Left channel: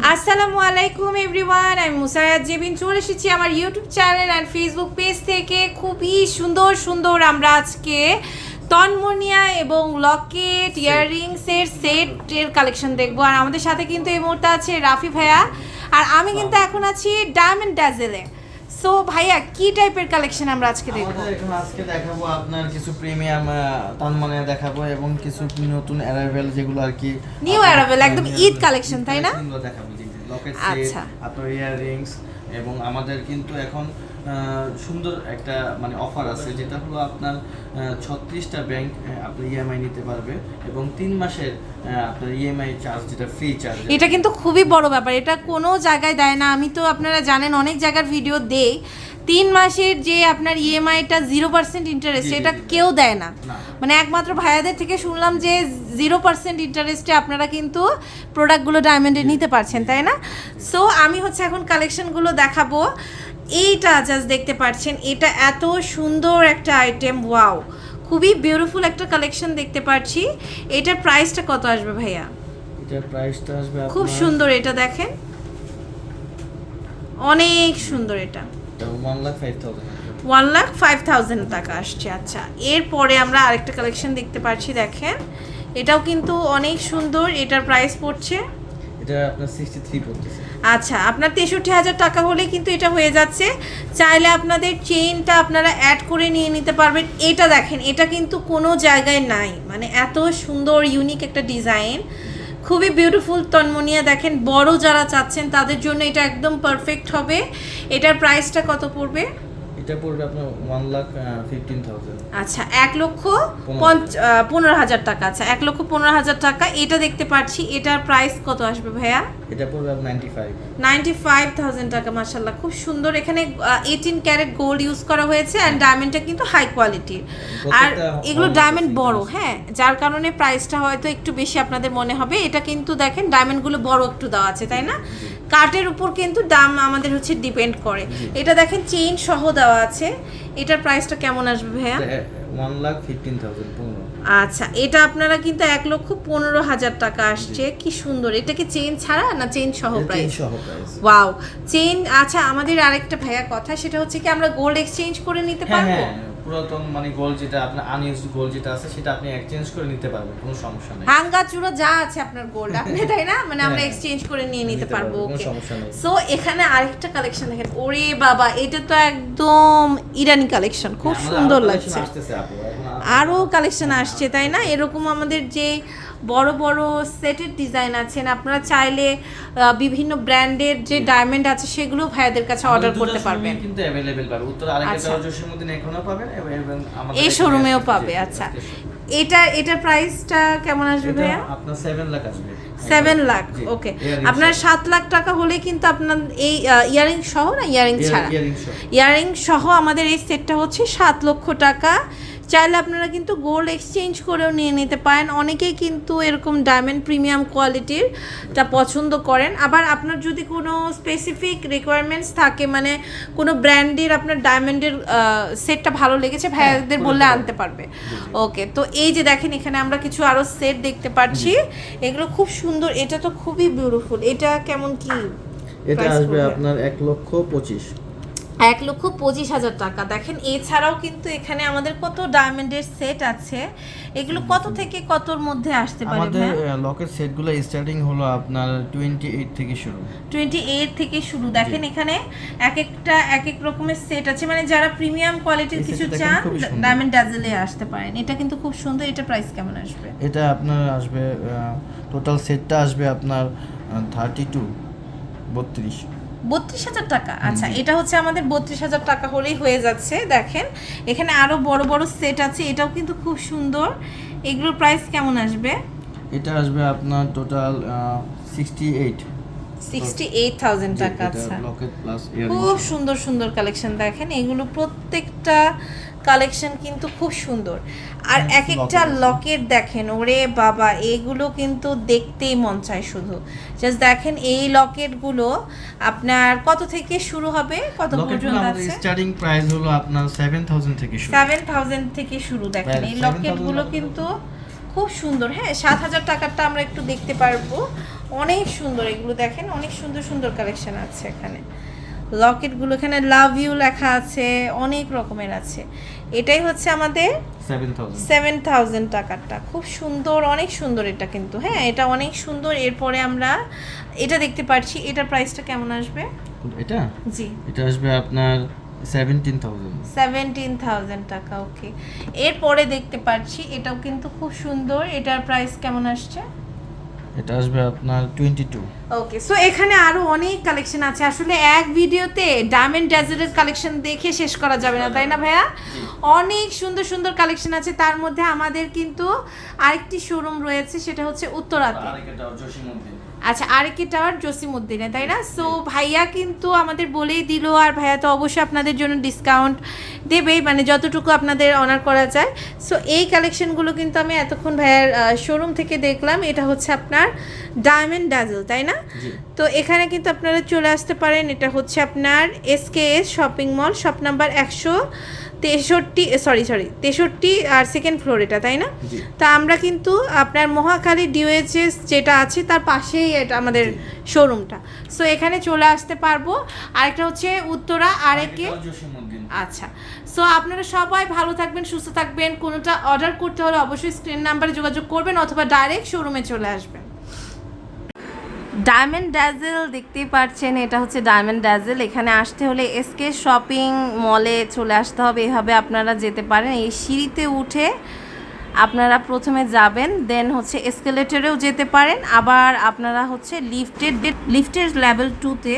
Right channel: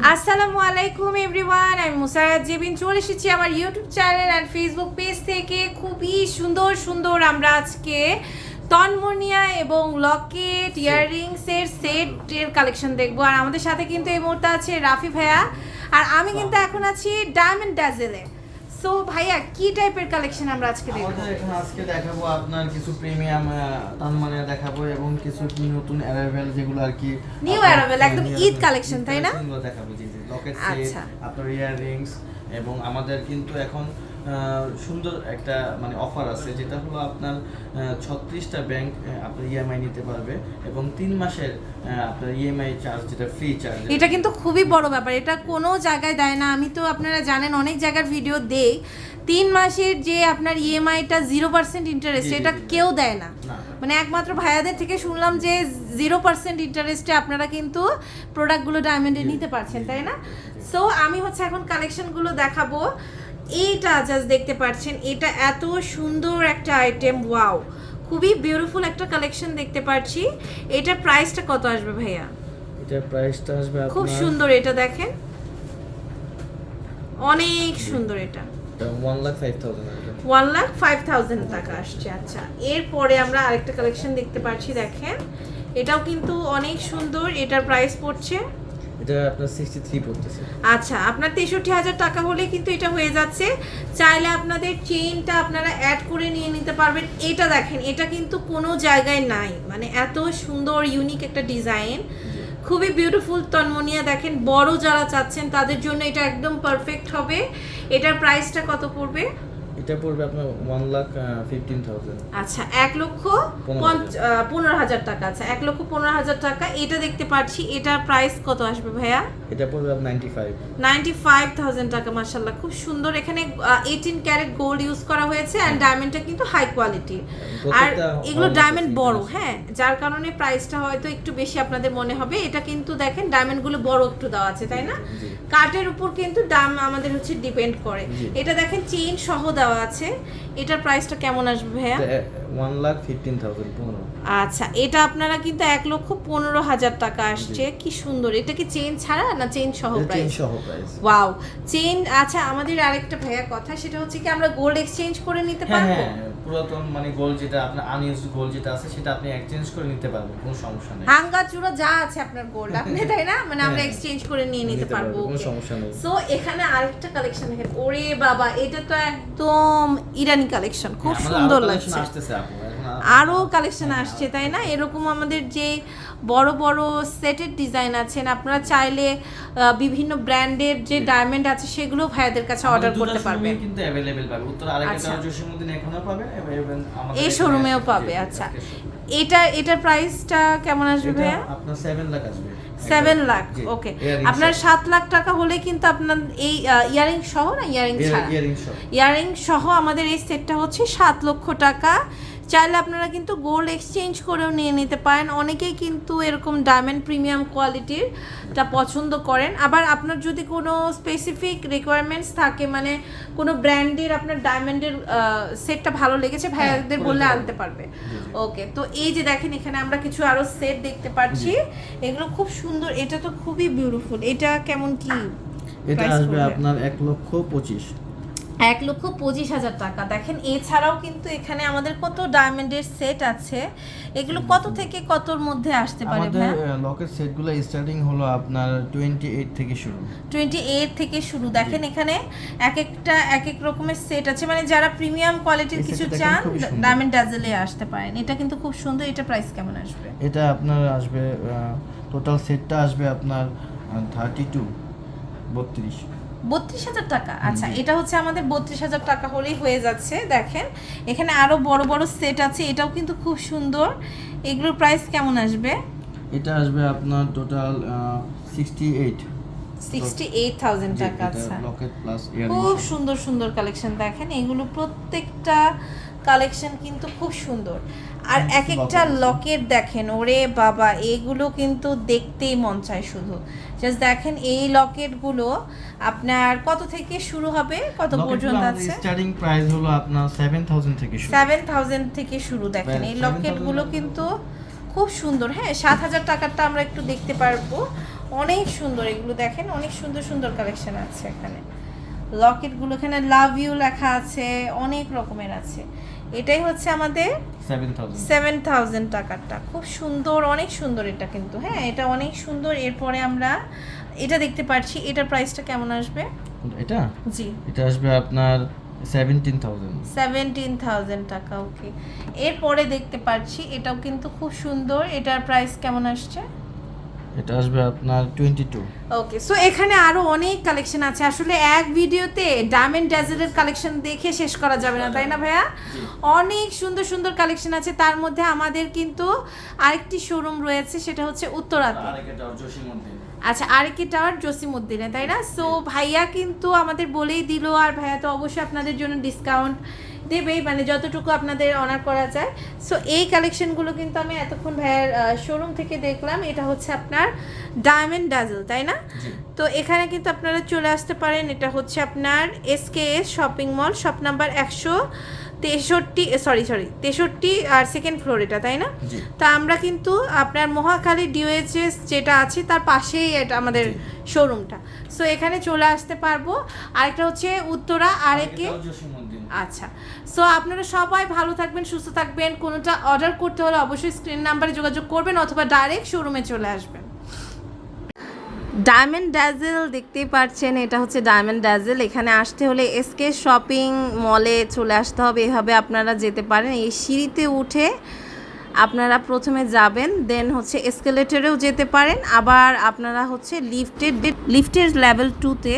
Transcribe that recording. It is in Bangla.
আসসালামু আলাইকুম এভরিওয়ান, আমি মুসারাত জেবিন চলে এসেছি আমার YouTube channel and Facebook page থেকে। খুবই সুন্দর সুন্দর আমরা আজকে তন্মনিয়া এবং লকেট ইয়াররিংসের সেটের কালেকশন দেখবো। আর আমাদের সাথে কিন্তু এই মুহূর্তে আছে রাফি ভাইয়া, আর আমি কিন্তু এখন আছি ডায়মন্ড ড্যাজেলে। সো ভাইয়া, কি টাইপের কালেকশন আমরা আজকে দেখবো? এখন আজকে দেখাবো আপনার কিছু প্রিমিয়াম তন্মনিয়া দেখাবো এবং কিছু নতুন অ্যারাইভেল যেগুলো আর কি নিউ অ্যারাইভেল, একদম ঈদ কালেকশন, তাই না? দেখাবো জি জি, লকেট সেট, আপনার ইয়াররিংস। এবং আমাদের কিন্তু এখন সুন্দর একটা মানে অফার আছে, যেটা হলো আপনার 36টা ব্যাংক আপনার ইএমআই নিতে পারবে এবং 3 মাসের আপনার ইএমআই চার্জ, যেটা ফ্রি চার্জ। এটা কিন্তু খুবই বড় ব্যাপার, এটা কোনো জায়গায় দেয় না। আমি তো আপনারা জানেন অনেক জায়গার ভিডিও দেই, 3 মাসের যে আপনার ইএমআইটা 0% ইন্টারেস্ট, এটা কেউ দেয় না। মানে একমাত্র ভাইয়াদের থেকে শুনলাম যে 0% ইন্টারেস্টে আপনারা কিন্তু প্রোডাক্টগুলো ডায়মন্ডে নিতে পারছেন, তাই না? সো আমি এখন কালেকশনগুলো দেখাবো। এইটা জাস্ট দেখতে পাচ্ছেন, এটা এত সুন্দর একটা আইটেম, ওয়াও, খুবই বিউটিফুল একটা কালেকশন দেখতে পাচ্ছি। এটার প্রাইসটা কত আসবে ভাইয়া? এটার প্রাইসটা আসবে খুব সুন্দর, এটা দেখেন, অনেক সুন্দর। এটা 1,05,000 টাকা আসছে। আচ্ছা, এরপরে আমরা আরেকটা কালেকশন দেখতে পাচ্ছি, দেখেন, এটাও কিন্তু অনেক সুন্দর। এটার প্রাইস পড়ছে, এটা আপনার 63 পড়তেছে। আচ্ছা, আপনার 63,000 টাকা হলে কিন্তু এটা হয়ে যাচ্ছে। চাইলে আপনাদের চেইনটা আপনারা অ্যাড করে নিয়ে নিতে পারবেন। এটা দেখেন, এটা কিন্তু কোনো জায়গায় নাই, মানে এত সুন্দর ইউনিক একটা ডিজাইন, খুবই বিউটিফুল তন্মনিয়া। দেখেন, বড় যারা চাচ্ছেন তাদের জন্য এটা একদম পারফেক্ট হবে। এটার প্রাইসটা কত পড়বে? এটা পড়বে আপনার 1,15,000। আচ্ছা, 1,15,000 টাকা। আচ্ছা, 1,15,000 টাকা। এটা দেখতে পাচ্ছি, এটার প্রাইস কত আসবে ভাইয়া? এটা পড়বে 95,000 টাকা। মাশাআল্লাহ, খুব সুন্দর। এখানে 18 ক্যারেট গোল্ড ইউজ করা হয়েছে অ্যান্ড ডায়মন্ডটা কিন্তু হাই কোয়ালিটির, আর এগুলো ডায়মন্ড বড়, হ্যাঁ, যার কারণে প্রাইসটা হয়তো একটু বেশি আপনাদের মনে হবে। এটা কিন্তু দেখেন ডায়মন্ডগুলো বড় একটু দেওয়া আছে, তাই না? কাটের উপর কিন্তু দাম আমাদের ডিপেন্ড করে। এটা দেখেন চেইন সহ দেওয়া আছে। এটার প্রাইসটা কেমন আসবে ভাইয়া? 1,15,000। আচ্ছা, এটা আপনারা কিন্তু 1,15,000 টাকা আসছে। কি সুন্দর! এটা কি চেইন ছাড়া না চেইন সহ প্রাইস? চেইন সহ প্রাইস। Wow, chain. আচ্ছা, আমাদের আরেকটা ভাইয়া কথা, সেটা হচ্ছে কি আমরা গোল্ড এক্সচেঞ্জ করে নিতে পারবো? হ্যাঁ, পুরাতন মানে গোল্ড যেটা আপনার আনইউজড গোল্ড যেটা আছে, সেটা আপনি এক্সচেঞ্জ করে নিতে পারবেন, কোনো সমস্যা নেই। ভাঙা চূড়া যা আছে আপনার গোল্ড, আপনি তাই না, মানে আমরা এক্সচেঞ্জ করে নিয়ে নিতে পারবো। কোনো সমস্যা নেই। সো এখানে আরেকটা কালেকশন দেখেন, ওরে বাবা, এটা তো একদম ইরানি কালেকশন, খুব সুন্দর লাগছে। আরও কালেকশন আসছে, তাই না? এরকম আমাদের যে বড় বড় সেটের ডিজাইন আছেন, আপনারা চাইলে বিভিন্ন ব্র্যান্ডের যে ডায়মন্ড আছে সেগুলো ভাইয়াদের কাছে অর্ডার করতে পারবেন, কিন্তু अवेलेबल পাবে উত্তর আরেকটা জসিমউদ্দিন এখনো পাবেন এবং আমাদের এই শোরুমেও পাবে। আচ্ছা, এটার প্রাইসটা কেমন আসবে ভাইয়া? আপনার 7 লাখ আসবে। 7 লাখ, ওকে। আপনার 7 লাখ টাকা হলে কিন্তু আপনার এই ইয়ারিং সহ, না ইয়ারিং ছাড়া, ইয়ারিং সহ আমাদের এই সেটটা হচ্ছে 7 লক্ষ টাকা। চাইলে আপনারা কিন্তু গোল্ড এক্সচেঞ্জ করেও নিয়ে নিতে পারেন। অনেকেই কিন্তু এরকম ডায়মন্ড প্রিমিয়াম কোয়ালিটিরটা পছন্দ করেন। আবার আপনার যদি কোনো স্পেসিফিক রিকোয়ারমেন্টস থাকে, মানে কোনো ব্র্যান্ডের আপনার ডায়মন্ডের সেটটা ভালো লেগেছে, ভাইয়াদের বললে আনতে পারবে। ওকে, তো এই যে দেখেন, এখানে আমরা কিছু আরও সেট দেখতে পাচ্ছি, এগুলো খুব সুন্দর। এটা তো খুবই বিউটিফুল। এটা কেমন কি? এটা আসবে আপনার 1,25,000। 1,25,000 টাকা। দেখেন, এছাড়াও কিন্তু এখানে আমাদের কত ডায়মন্ডের সেট আছে, এগুলো কত থেকে কতর মধ্যে আসতে পারে ভাই? আমাদের লকেট সেটগুলো স্টার্টিং হলো আপনার 28 থেকে শুরু। 28 থেকে শুরু। দেখেন, এখানে এক এক রকমের সেট আছে, মানে যারা প্রিমিয়াম কোয়ালিটির কিছু চান ডায়মন্ড ড্যাজেলে আসতে পারেন। এটা কিন্তু খুব সুন্দর। এটা প্রাইস কেমন আসবে? এটা আপনার আসবে টোটাল সেটটা আসবে আপনার 32,000 টাকা। আচ্ছা, এটা হচ্ছে আমাদের 32,000 টাকা হলেই হয়ে যাচ্ছে। দেখেন, এখানে আরো বড় বড় সেট আছে, এটাও কিন্তু খুব সুন্দর। এগুলোর প্রাইস কেমন আসবে? এটা আসবে আপনার টোটাল 68,000 টাকা। আচ্ছা, লকেট প্লাস ইয়ারিং। খুব সুন্দর সুন্দর কালেকশন। দেখেন, এগুলো প্রত্যেকটা কালেকশন কিন্তু খুব সুন্দর। আর এক একটা লকেট দেখেন, ওরে বাবা, এগুলো কিন্তু দেখতেই মন চায় শুধু। জাস্ট দেখেন, এই লকেটগুলো আপনার কত থেকে শুরু হবে, কত পর্যন্ত আছে? স্টার্টিং প্রাইস হলো আপনার 7,000 থেকে শুরু। 7,000 থেকে শুরু। দেখেন, এই লকেটগুলো কিন্তু খুব সুন্দর। হ্যাঁ, 7,000 টাকারটা আমরা একটু দেখতে পারবো। অনেক সুন্দর, এগুলো দেখেন অনেক সুন্দর সুন্দর কালেকশন আছে এখানে। লকেটগুলো এখানে লাভ ইউ লেখা আছে, অনেক রকমের আছে। এটাই হচ্ছে আমাদের 7000 টাকারটা, খুব সুন্দর, অনেক সুন্দর এটা কিন্তু। হ্যাঁ, এটা অনেক সুন্দর। এরপরে আমরা এটা দেখতে পাচ্ছি, এটার প্রাইসটা কেমন আসবে? এটা জি, এটা আসবে আপনার 17,000 টাকা। ওকে, এরপরে দেখতে পাচ্ছি এটাও কিন্তু খুব সুন্দর। এটার প্রাইস কেমন আসছে? এটা আসবে আপনার 22। ওকে, সো এখানে আরো অনেক কালেকশন আছে। আসলে এক ভিডিওতে ডায়মন্ড ড্যাজেলের কালেকশন দেখে শেষ করা যাবে না, তাই না ভাইয়া? অনেক সুন্দর সুন্দর কালেকশন আছে। তার মধ্যে আমাদের কিন্তু আরেকটি শোরুম রয়েছে, সেটা হচ্ছে উত্তরাতে। আচ্ছা, আরেকটি টাওয়ার জসিমউদ্দিনে, তাই না? সো ভাইয়া কিন্তু আমাদের বলেই দিল, আর ভাইয়া তো অবশ্যই আপনাদের জন্য ডিসকাউন্ট দেবেই, মানে যতটুকু আপনাদের অনার করা যায়। সো এই কালেকশনগুলো কিন্তু আমি এতক্ষণ ভাইয়ার শোরুম থেকে দেখলাম। এটা হচ্ছে আপনার ডায়মন্ড ড্যাজেল, তাই না? তো এখানে কিন্তু আপনারা চলে আসতে পারেন। এটা হচ্ছে আপনার SKS shopping mall, shop number 163 আর সেকেন্ড ফ্লোর এটা, তাই না? তা আমরা কিন্তু আপনার মহাখালী DOHS যেটা আছে তার পাশেই এটা আমাদের শোরুমটা। সো এখানে চলে আসতে পারবো। আরেকটা হচ্ছে উত্তরা, আরেকে। আচ্ছা, সো আপনারা সবাই ভালো থাকবেন, সুস্থ থাকবেন। কোনোটা অর্ডার করতে হলে অবশ্যই স্ক্রিন নাম্বারে যোগাযোগ করবেন অথবা ডাইরেক্ট শোরুমে চলে আসবেন। ডায়মন্ড ড্যাজেল দেখতেই পাচ্ছেন, এটা হচ্ছে ডায়মন্ড ড্যাজেল। এখানে আসতে হলে SK শপিং মলে চলে আসতে হবে। এভাবে আপনারা যেতে পারেন। এই সিঁড়িতে উঠে আপনারা প্রথমে যাবেন, দেন হচ্ছে এসকেলেটরেও যেতে পারেন, আবার আপনারা হচ্ছে লিফটের লেভেল 2-তে